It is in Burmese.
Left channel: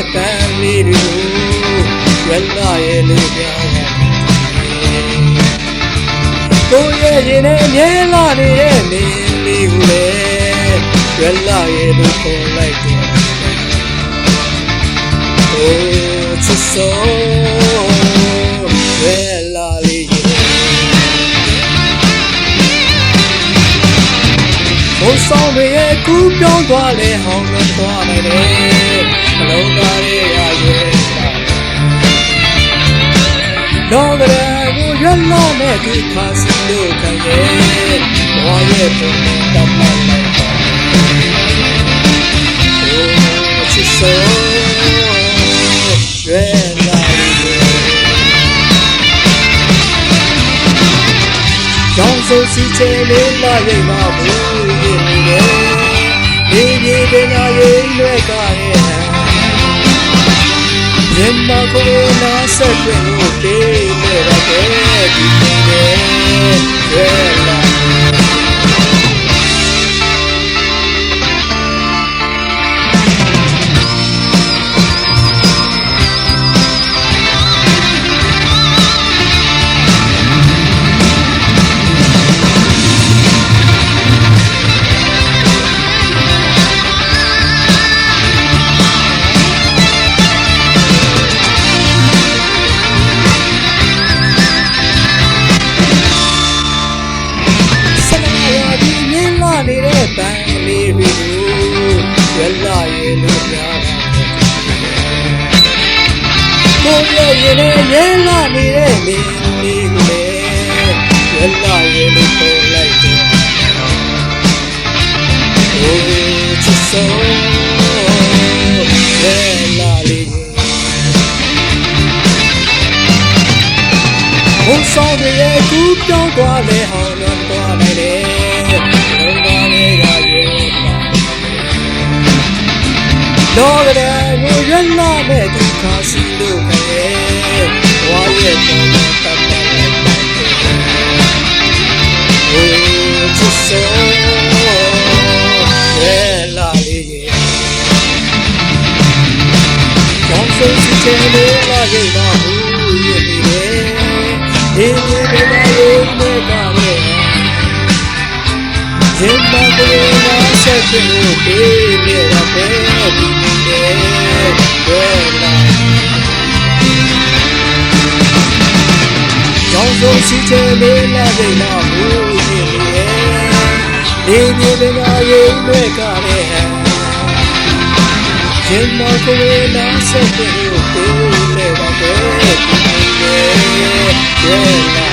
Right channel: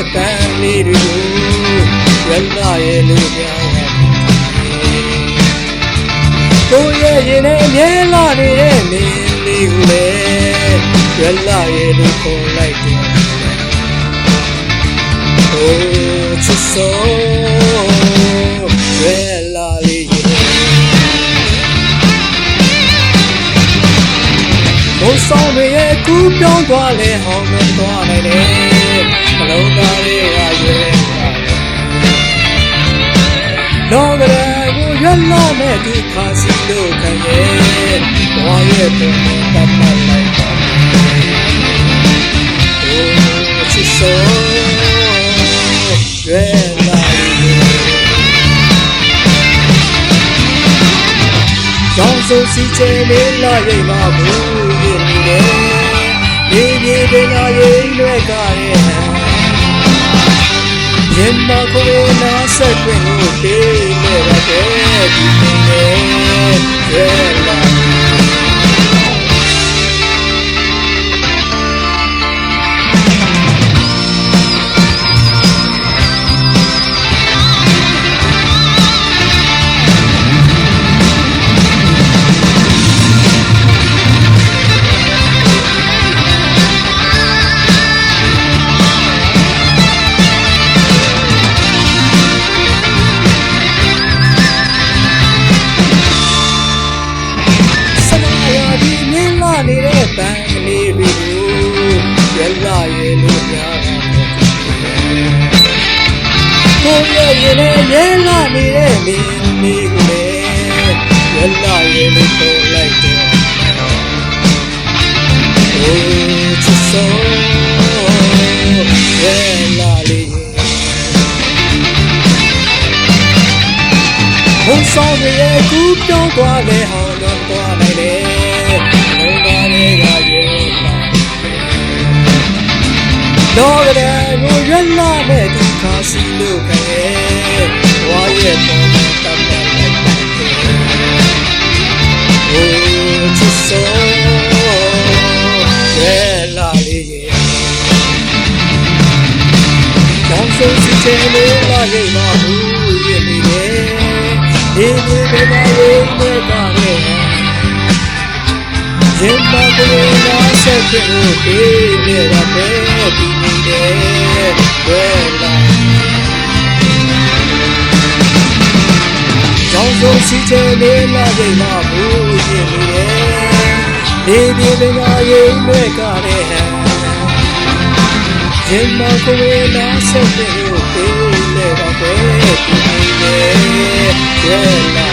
နေတဲ့ပန်းလေးတွေကိုရွက်လာရဲ့လူပြောင်းရဲ့ကိုရဲ့ရင်နဲ့အမြဲလာနေတဲ့မင်းလေးကိုလေရွက်လာရဲ့လူခေါ်လိုက်တယ် Oh, to so rarely. Oh, so we a coup down to a lay home and to a lay. Hello, Gary, are you? Long as you love me to pass it, look again. Why you put that my life on? Oh, to so rarely. ကြောင်စုံစီချေမေးလာရိပ်မဘူးရည်နေတယ်နေ ပြေပညာရိပ်လွဲ့ကားတဲ့ဟန်ရင်မကိုနာဆက်ခွင့်ကိုပေးမဲ့ရတဲ့ဒီနေတယ်ရွယ်လာ ပန်းကလေးတွေကိုရွက်လာရဲ့လို့များတာပေါ့ကိုရဲ့ရင်နဲ့မြင်လာနေတဲ့မင်းလေးကိုလေရွက်လာရဲ့လို့ခေါ်လိုက်တယ် Oh, just so rarely. ဘုံဆောင်တွေရဲ့ကူးပြောင်းသွားလေဟောင်းတော့သွားနိုင်တယ် လောကတဲ့ကိုရွက်လာတဲ့ဒုက္ခစီလို့ခရဲ့ဝါရဲ့တော်နဲ့တတ်ပတ်လိုက်ပါတယ် Oh, just so rarely. ကြောင်ဆုံးစီချဲလေးလာရိပ်မဘူးရည်နေတယ်ဒီဒီပဲလာရိပ်နဲ့ကလည်း ရင်မကိုနာဆက်ပြလို့တေးနေရတဲ့ဒီနေတယ်ဘယ်လာကြောင်ဆုံးစီချဲလေးလာရိပ်မဘူးရည်နေတယ်ဒီဒီပဲလာရိပ်နဲ့ကလည်းရင်မကိုနာဆက်ပြလို့တေးနေပါပဲဒီနေတယ်ဘယ်လာ